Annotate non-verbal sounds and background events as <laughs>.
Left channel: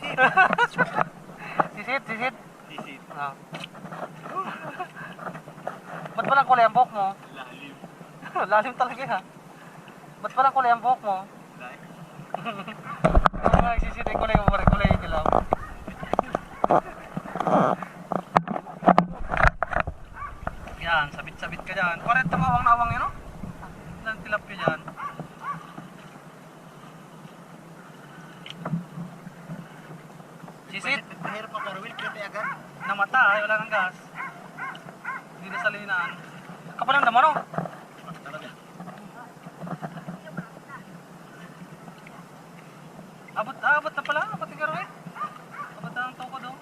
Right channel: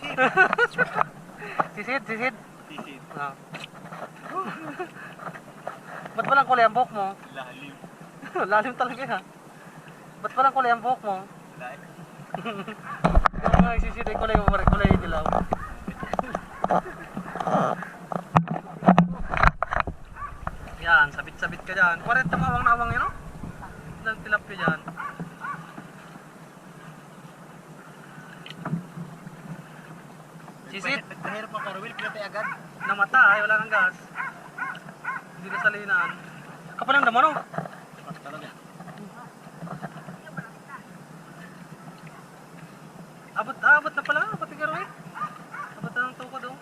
<laughs> Sisid! Sisid, sisid. Ah. Ba't walang kulay ang buhok mo? Lalim. <laughs> Lalim talaga ha. Ba't walang kulay ang buhok mo? Lalim. Kaya nga isisid ay kulay kulay dilaw. Yan, sabit-sabit ka dyan. Paret yung awang na awang yun, no? Ilang tilap ka dyan. Isit. Mahirap ang corwheel, pinatay agad. Namatay, eh, wala nang gas. Hindi na sa linaan. Kapalang naman oh. Talaga. Abot, abot na pala. Abot ang corwheel. Abot na ng toko daw.